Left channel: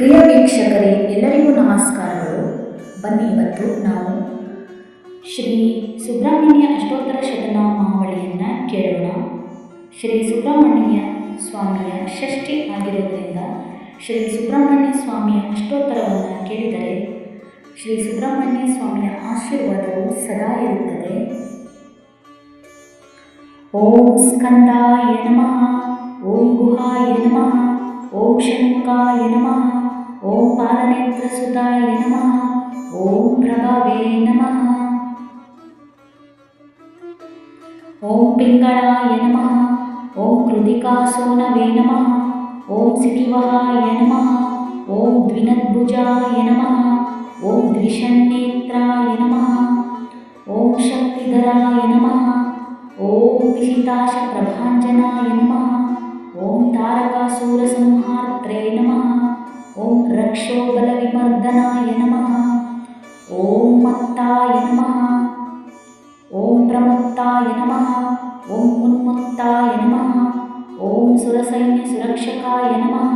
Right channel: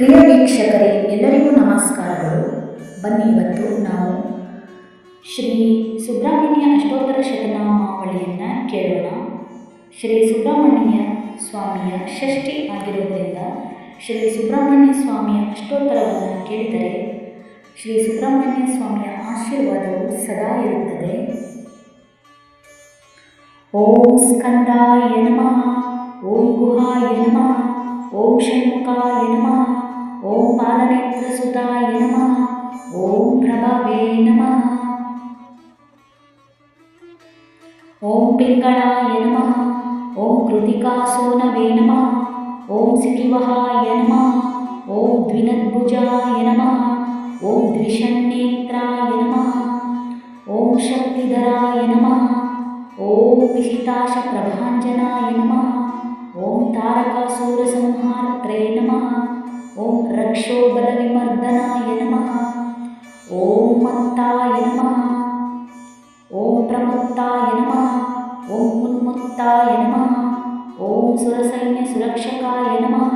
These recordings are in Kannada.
ಪ್ರಿಯ ವೀಕ್ಷಕರೇ, ಎಲ್ಲರಿಗೂ ನಮಸ್ಕಾರಗಳು. ಬನ್ನಿ, ಇವತ್ತು ನಾವು ಶ್ರೀ ಸುಬ್ರಹ್ಮಣ್ಯ ಅಷ್ಟೋತ್ತರ ಶತನಾಮಾವಳಿಯನ್ನು ಕೇಳೋಣ. ಶ್ರೀ ಸುಬ್ರಹ್ಮಣ್ಯ ಸ್ವಾಮಿಯ ಷಷ್ಠಿ ಆಗಿರೋದರಿಂದ ಶ್ರೀ ಸುಬ್ರಹ್ಮಣ್ಯ ಸ್ವಾಮಿಯ ಅಷ್ಟೋತ್ತರವನ್ನು ಕೇಳಿದರೆ ಶ್ರೀ ಸುಬ್ರಹ್ಮಣ್ಯ ಸ್ವಾಮಿಯ ಆಶೀರ್ವಾದವು ಸದಾ ಇರುತ್ತದೆ. ಓಂ ಸ್ಕಂದಾಯ ನಮಃ, ಓಂ ಗುಹಾಯ ನಮಃ, ಓಂ ಷಣ್ಮುಖಾಯ ನಮಃ, ಓಂ ಪಾಲನೇತ್ರಸುತಾಯ ನಮಃ, ಓಂ ಪ್ರಭವೇ ನಮಃ, ಓಂ ಪಿಂಗಳಾಯ ನಮಃ, ಓಂ ಕೃತಿಕಾಸೋನವೇ ನಮಃ, ಓಂ ಸಿಕಿವಹಾಯ ನಮಃ, ಓಂ ದ್ವಿನದ್ಭುಜಾಯ ನಮಃ, ಓಂ ದ್ವಿಷನ್ನೇತ್ರಾಯ ನಮಃ, ಓಂ ಶಕ್ತಿಧರಾಯ ನಮಃ, ಓಂ ವಿಹಿತಾಶ ಪ್ರಭಾಂಜನಾಯ ನಮಃ, ಓಂ ತಾರಕಾಸೂರಸಂಹಾರ್ತ್ರೇ ನಮಃ, ಓಂ ರಕ್ಷೋಬಲವಿಮರ್ದನಾಯ ನಮಃ, ಓಂ ಮತ್ತಾಯ ನಮಃ, ಓಂ ಪ್ರಮುಕ್ತಾಯ ನಮಃ, ಓಂ ಉನ್ಮುಕ್ತಾಯ ನಮಃ, ಓಂ ಸುರಸೈನ್ಯ ಸುರಕ್ಷಕಾಯ ನಮಃ,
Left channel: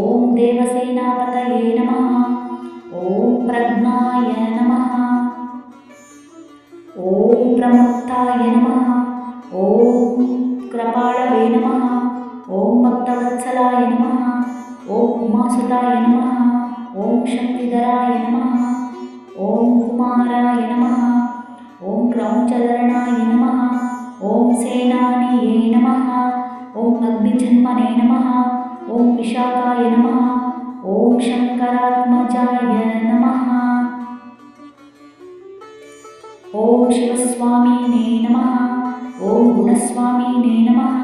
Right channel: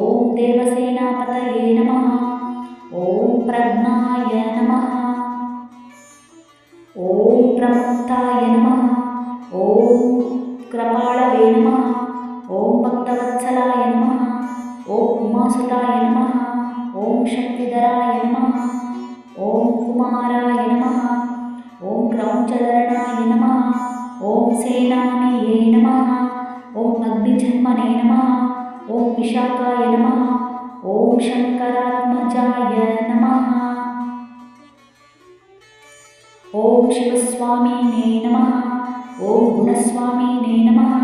ಓಂ ದೇವಸೇನಾಪತಯೇ ನಮಃ, ಓಂ ಪ್ರಜ್ಞಾಯ ನಮಃ, ಓಂ ಪ್ರಮುಕ್ತಾಯ ನಮಃ, ಓಂ ಕೃಪಾಳವೇ ನಮಃ, ಓಂ ಭಕ್ತವತ್ಸಲಾಯ ನಮಃ, ಓಂ ಉಮಾಸುತಾಯ ನಮಃ, ಓಂ ಶಕ್ತಿಧರಾಯ ನಮಃ, ಓಂ ಕುಮಾರಾಯ ನಮಃ, ಓಂ ಕ್ರೌಂಚಧರಣಾಯ ನಮಃ, ಓಂ ಸೇನಾನಿಯೇ ನಮಃ, ಓಂ ಅಗ್ನಿಜನ್ಮನೇ ನಮಃ, ಓಂ ವಿಶಾಖಾಯ ನಮಃ, ಓಂ ಶಂಕರಾತ್ಮಜಾಯ ನಮಃ, ಓಂ ಶಿವಸ್ವಾಮಿನೇ ನಮಃ, ಓಂ ಗುಣಸ್ವಾಮಿನೇ ನಮಃ,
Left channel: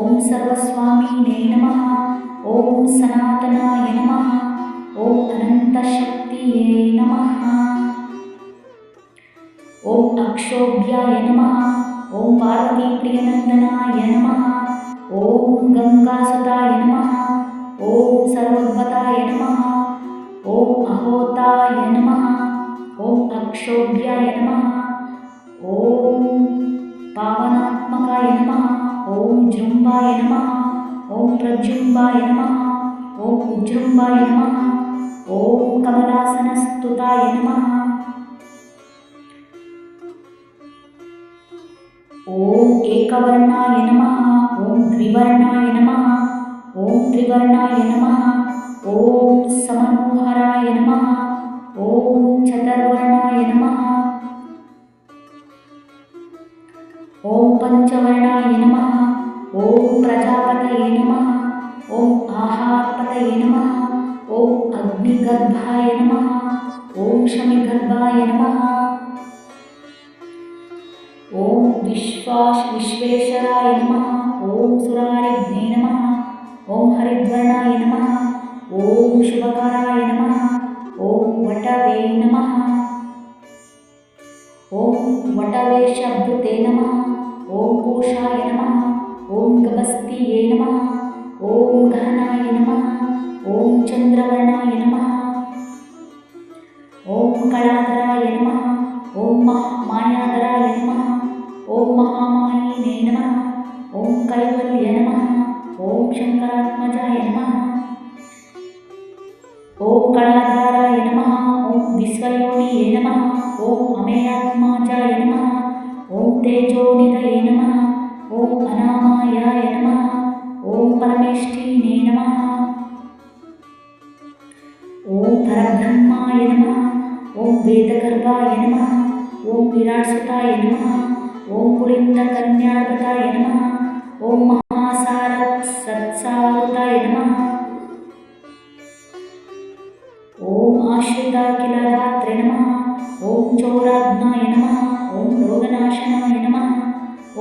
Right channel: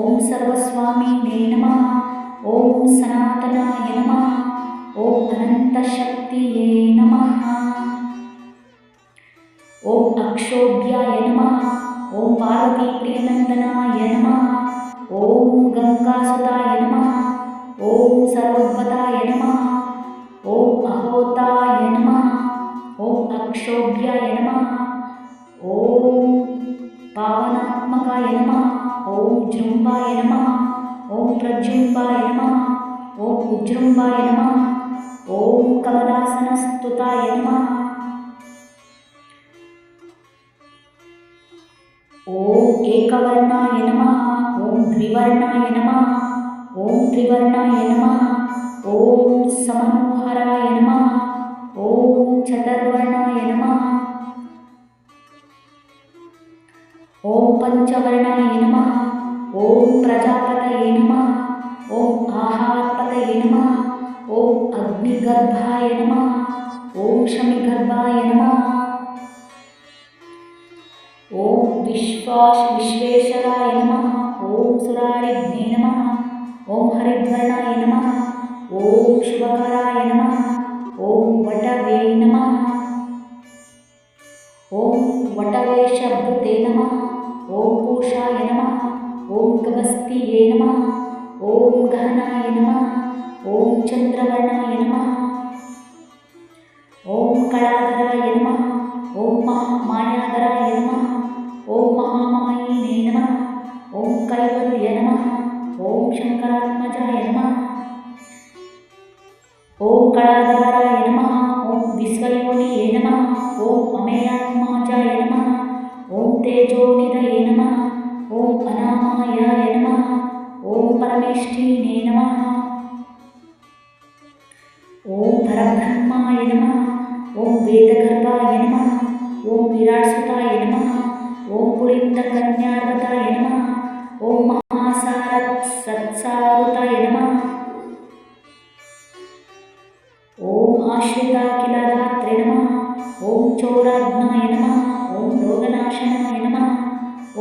ಓಂ ಸರ್ವಸ್ವಾಮಿನೇ ನಮಃ, ಓಂ ಸನಾತನಾಯ ನಮಃ, ಓಂ ಅನಂತಶಕ್ತಿಯೇ ನಮಃ, ಓಂ ಅಕ್ಷೋಭ್ಯಾಯ ನಮಃ, ಓಂ ಪಾರ್ವತೀಪ್ರಿಯನಂದನಾಯ ನಮಃ, ಓಂ ಗಂಗಾಸುತಾಯ ನಮಃ, ಓಂ ಸರ್ವೋದ್ಭತಾಯ ನಮಃ, ಓಂ ಅಹೋತಾಯ ನಮಃ, ಓಂ ಅಕ್ಷೋಭ್ಯಾಯ ನಮಃ, ಓಂ ಪಾವನಾತ್ಮಕಾಯ ನಮಃ, ಓಂ ಜೃಂಭಾಯ ನಮಃ, ಓಂ ಪ್ರಜೃಂಭಾಯ ನಮಃ, ಓಂ ಉಜೃಂಭಾಯ ನಮಃ, ಓಂ ಕಮಲಾಸನಸ್ತುತಾಯ ನಮಃ, ಓಂ ಏಕವರ್ಣಾಯ ನಮಃ, ಓಂ ದ್ವಿವರ್ಣಾಯ ನಮಃ, ಓಂ ತ್ರಿವರ್ಣಾಯ ನಮಃ, ಓಂ ಸಮನೋಹರಾಯ ನಮಃ, ಓಂ ಚತುರ್ವರ್ಣಾಯ ನಮಃ, ಓಂ ಪಂಚವರ್ಣಾಯ ನಮಃ, ಓಂ ಪ್ರಜಾಪತಯೇ ನಮಃ, ಓಂ ಆಹಾರಪತಯೇ ನಮಃ, ಓಂ ಅಗ್ನಿಗರ್ಭಾಯ ನಮಃ, ಓಂ ಶಮಿಗರ್ಭಾಯ ನಮಃ, ಓಂ ವಿಶ್ವೇಶ್ವರಾಯ ನಮಃ, ಓಂ ಸುರಾರಿಘ್ನೇ ನಮಃ, ಓಂ ಹರಿದ್ವರ್ಣಾಯ ನಮಃ, ಓಂ ಶುಭಕರಾಯ ನಮಃ, ಓಂ ವಟವೇ ನಮಃ, ಓಂ ವಟವೇಶಭೃತೆ ನಮಃ, ಓಂ ಪೂಷಾಯ ನಮಃ, ಓಂ ಗಭಸ್ತಿಯೇ ನಮಃ, ಓಂ ಗಹನಾಯ ನಮಃ, ಓಂ ಚಂದ್ರವರ್ಣಾಯ ನಮಃ, ಓಂ ಕಳಾಧರಾಯ ನಮಃ, ಓಂ ಮಾಯಾಧರಾಯ ನಮಃ, ಓಂ ಮಹಾಮಾಯಿನೇ ನಮಃ, ಓಂ ಕೈವಲ್ಯ ನಮಃ, ಓಂ ಶಂಕರಾತ್ಮಜಾಯ ನಮಃ, ಓಂ ಕಳಾಧಾರಾಯ ನಮಃ, ಓಂ ವಿಶ್ವಯೋನಿಯೇ ನಮಃ, ಓಂ ಅಮೇಯಾತ್ಮಾಜಾಯ ನಮಃ, ಓಂ ತೇಜೋನಿಧಯೇ ನಮಃ, ಓಂ ಅನಾಮಾಯಾಯ ನಮಃ, ಓಂ ಪರಮೇಷ್ಠಿನೇ ನಮಃ, ಓಂ ಪರಬ್ರಹ್ಮಾಯ ನಮಃ, ಓಂ ವೇದಗರ್ಭಾಯ ನಮಃ, ಓಂ ವಿರಾಟ್ಸುತಾಯ ನಮಃ, ಓಂ ಪುಳಿಂದಕನ್ಯಾರ್ಗತಾಯ ನಮಃ, ಓಂ ಮಹಾಸತ್ಸಾರುತಾಯ ನಮಃ, ಓಂ ಆಶ್ರಿತಾಖಿಲದಾತ್ರೆ ನಮಃ, ಓಂ ಚೌರಾಗ್ನಾಯ ನಮಃ, ಓಂ ರೋಗನಾಶನಾಯ ನಮಃ,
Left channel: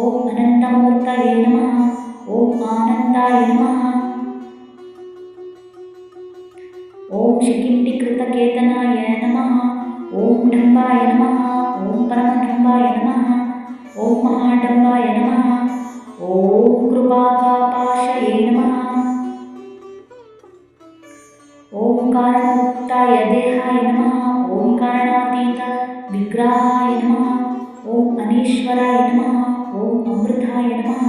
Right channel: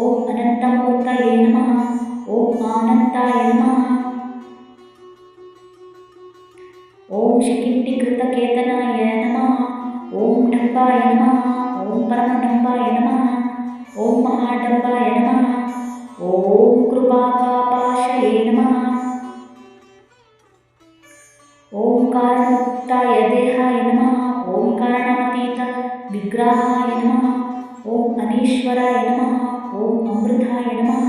ಓಂ ಅನಂತಮೂರ್ತಯೇ ನಮಃ, ಓಂ ಆನಂದಾಯ ನಮಃ, ಓಂ ಶಿಖಿಂಡಿಕೃತಕೇತನಾಯ ನಮಃ, ಓಂ ಡಂಬಾಯ ನಮಃ, ಓಂ ಪರಮಡಂಬಾಯ ನಮಃ, ಓಂ ಮಹಾಡಂಬಾಯ ನಮಃ, ಓಂ ಕೃಪಾಕಾಪಾಶಯೇ ನಮಃ, ಓಂ ಕಾರಣೋಕ್ತಾಯ ದೇಹಾಯ ನಮಃ, ಓಂ ಕಾರಣಾತೀತ ವಿಗ್ರಹಾಯ ನಮಃ, ಓಂ ಅನೀಶ್ವರಾಯ ನಮಃ, ಓಂ ಅಮೃತಾಯ ನಮಃ,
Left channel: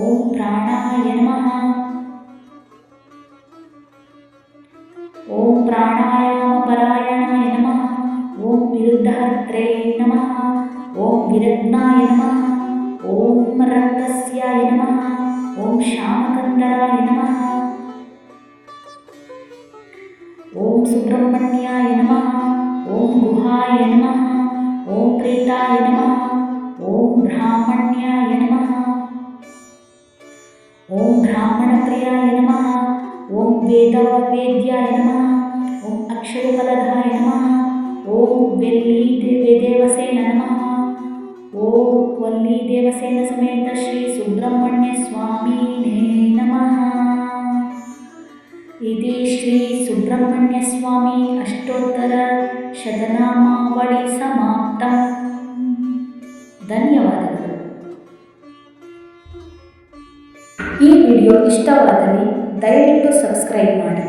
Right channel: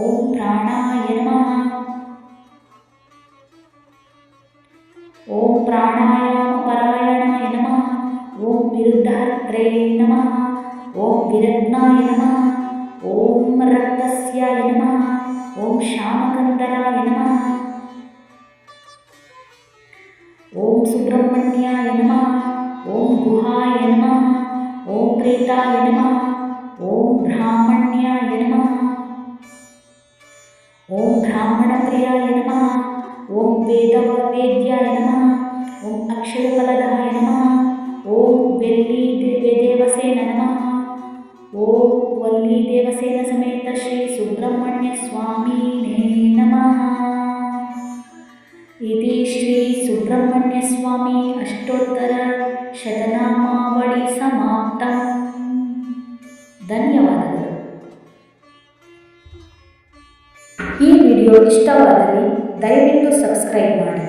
ಓಂ ಪ್ರಾಣಾಯ ನಮಃ, ಓಂ ಪ್ರಾಣಾಯಾಮಪರಾಯಣಾಯ ನಮಃ. ಓಂ ವಿರುದ್ಧಹರ್ತ್ರೇ ನಮಃ. ಓಂ ವಿರತ್ನಾಯ ನಮಃ. ಓಂ ರಕ್ತಸ್ಯಾಯ ನಮಃ. ಓಂ ಶ್ಯಾಮಕಂದರಾಯ ನಮಃ. ಓಂ ಸುಬ್ರಹ್ಮಣ್ಯಾಯ ನಮಃ. ಓಂ ಗುಹಾಯ ನಮಃ. ಓಂ ಪ್ರೇತಾಯ ನಮಃ. ಓಂ ಬ್ರಾಹ್ಮಣ್ಯಾಯ ನಮಃ. ಓಂ ಬ್ರಾಹ್ಮಣಪ್ರಿಯಾಯ ನಮಃ. ಓಂ ವೇದ್ಯಾಯ ನಮಃ. ಓಂ ಅಕ್ಷಯಫಲದಾಯ ನಮಃ. ಓಂ ದೇವಸೇನ ನಮಃ. ಓಂ ವಲ್ಲಿದೇವಸೇನ ಸಮೇತ ಶ್ರೀ ಸುಬ್ರಹ್ಮಣ್ಯ ಸ್ವಾಮಿನೇ ನಮಃ. ಇತಿ ಶ್ರೀ ಸುಬ್ರಹ್ಮಣ್ಯ ಸ್ವಾಮಿ ಅಷ್ಟೋತ್ತರ ಶತನಾಮಾವಳಿ ಸಮಾಪ್ತಂ. ಧನ್ಯವಾದಗಳು. ಈ ವಿಡಿಯೋ ಇಷ್ಟವಾದಲ್ಲಿ ದಯವಿಟ್ಟು ಸಬ್ಸ್ಕ್ರೈಬ್ ಮಾಡಿ.